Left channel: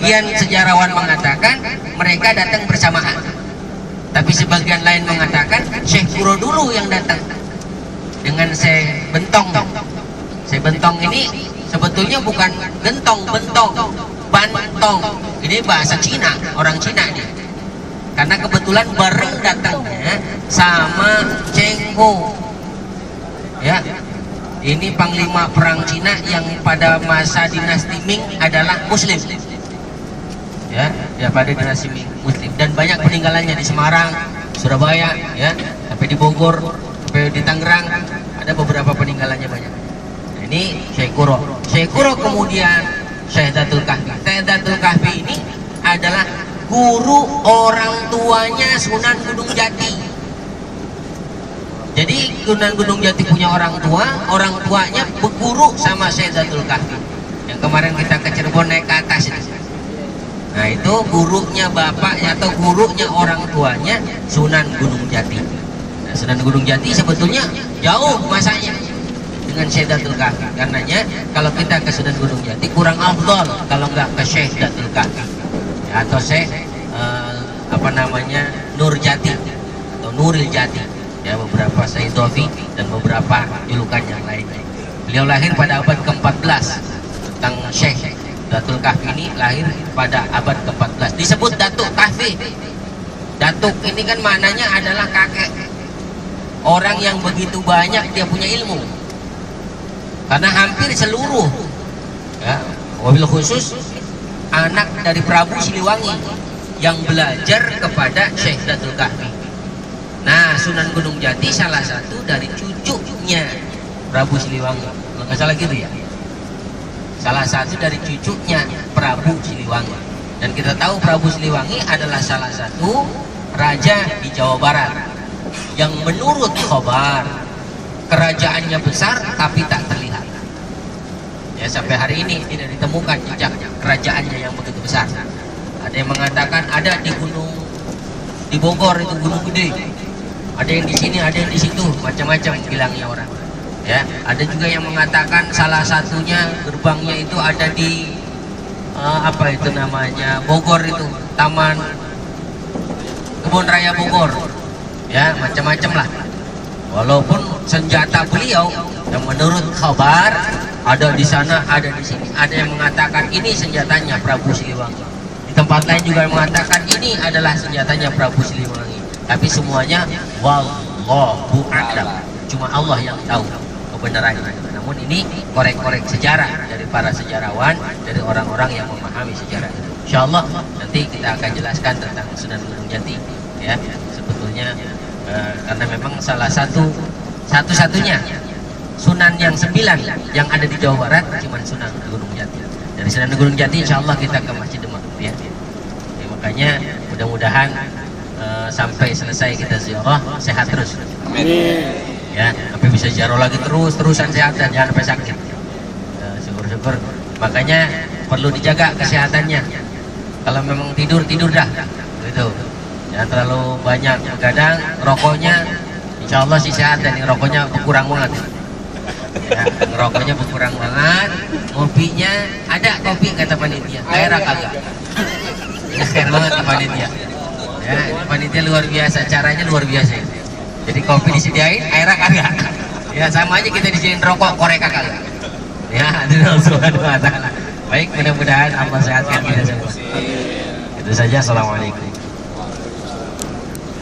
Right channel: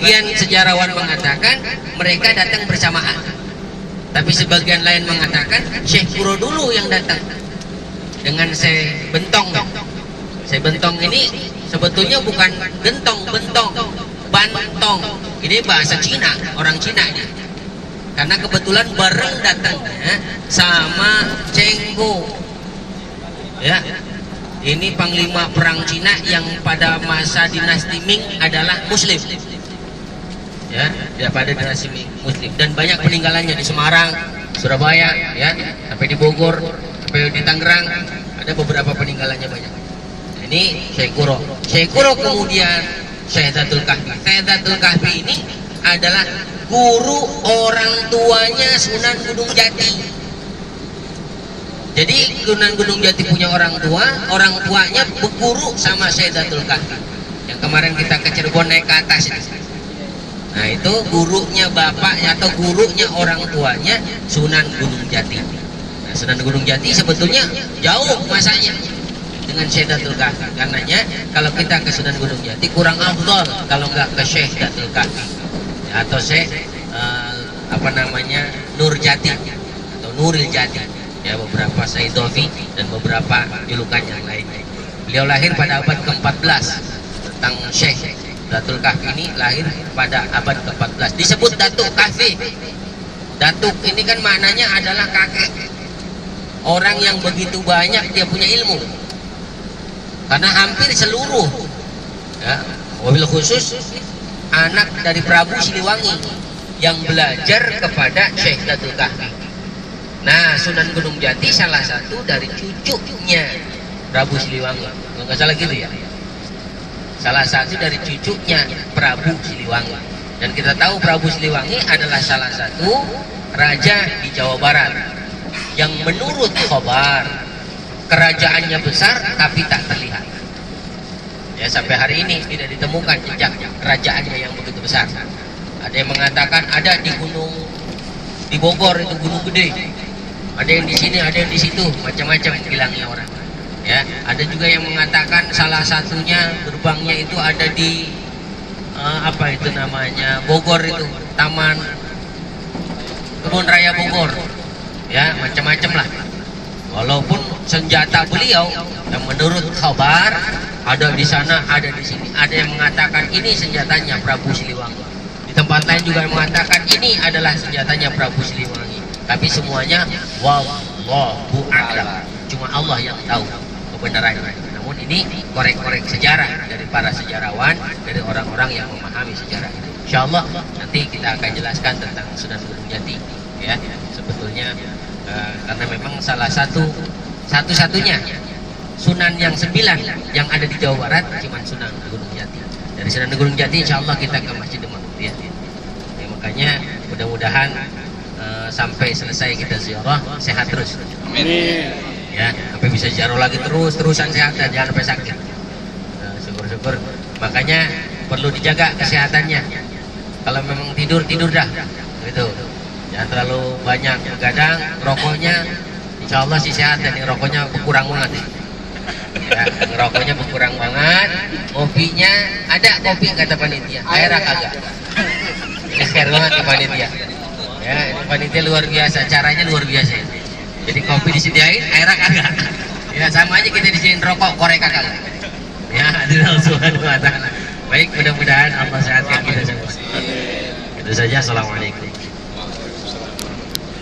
Sebagian sejarawan mengatakan mereka datang bersamaan, tapi sebagian lain mengatakan Syekh Kuro dulu yang datang dengan Syekh Bentong. Syekh Bentong ini sebetulnya bukan gentong, bentong, bantong. Ini bahasa Cina, orang Cina ini. Karena kebetulan bareng datangnya sama Cheng Ho. Ya, ini panglima perang Cina yang pada masa dinasti Ming adalah Muslim. Ya, pada dinasti Ming Muslim, dan banyak peninggalannya di Semarang, Surabaya, ya, sampai di Bogor, sampai di Tangerang, ada beberapa peninggalannya banyak. Nah, ini Syekh Kuro. Syekh Kuro kemudian Syekh Datul Kahfi. Syekh Datul Kahfi ini adalah guru orang tuanya Sunan Gunung Jati. Jadi Sunan Gunung Jati punya orang tuanya berguru sama Syekh Datul Kahfi. Yang kemarin kita ke Cirebon naik ke atas itu. Nah, itu gurunya bapaknya atau gurunya orang tuanya Sunan Gunung Jati. Nah, Sunan Gunung Jati sebetulnya jauh masanya dengan Syekh Datul Kahfi. Karenanya kalau kita ke Sunan Gunung Jati kurang afdal kalau nggak ke Syekh Datul Kahfi. Atau Syekh Nur Jati atau Nuril Jati, ya, beberapa Syekh Dovi dan beberapa julukan yang lain. Beliau lahir pada abad ke-14. Tentang Syekh Datul Kahfi ini lahir pada abad ke-14. Disebut Datuk Kahfi. Datuk ini kan maknanya adalah kakek, orang yang begitu banyak dia punya ilmu, karena hampir seluruh, ya, wabil khusus anak dari Prabu Siliwangi yang belajar kepada Syekh Datul Kahfi. Nah, Sunan Gunung Jati salah satu dari cucunya Prabu Siliwangi, kalau nggak salah gitu ya, salah satu dari cucunya Prabu Siliwangi. Dan kita tahu Prabu Siliwangi adalah salah satu raja di Jawa Barat yang menurut khabar kerajaannya besar tapi tak terlihat. Ya, sampai hari ini tidak ditemukan jejak kerajaannya yang begitu besar. Ada yang mengatakan ada di Bogor, itu gunung gede. Ada yang di sini, ada yang di situ, macam-macam bilangnya orang. Ya, ada juga yang mengatakan salah satunya gerbangnya itu ada di Bogor, itu Taman Kebun Raya Bogor. Ya, macam-macam lah. Walaupun senjata beliau yang menurut kabar ada di sana, ada di sini. Ada yang mengatakan ini senjatanya Prabu Siliwangi. Di tempat lain juga yang mengatakan ini adalah senjatanya Prabu Siliwangi. Tapi semuanya wallahu a'lam. Cuma Allah yang tahu kebenarannya. Namun ini korek-korek sejarah dari para sejarawan, dari orang-orang yang memahami sejarah itu. Insyaallah nanti kita akan jelaskan tentang Sunan Gunung Jati, ya. Sebetulnya karena memang salah satu-satunya Sunan yang 9 yang ada di Jawa Barat cuma Sunan Gunung Jati. Dari Sunan Gunung Jati insya Allah kita ke Masjid Demak, ya. Jadi, makanya mudah-mudahan sampai selesai kita ziarah sehat terus. Amin. Ya, tapi bisa ziarah lagi terusan sehat dan jangan sampai sakit. Syukur-syukur. Makanya perlu dijaga kesehatannya. Kalau memang tidur dah, gitu. Jangan terlalu banyak begadang, rokoknya insya Allah sih sehat dan rokoknya berkurang banget. Ya, rokoknya berkurang banget, kopinya ada kopi kata panitia, air kagak. Ini share banget ke panitia. Ya, panitia luar biasa, caranya luar biasa. Jadi kopi disediain, air kagak. Ya, sama aja kita disediain rokok, korek kagak. Ya, Allah Subhanahu wa taala. Baik, mudah-mudahan Allah sehatkan kita semua. Itu saja, assalamualaikum.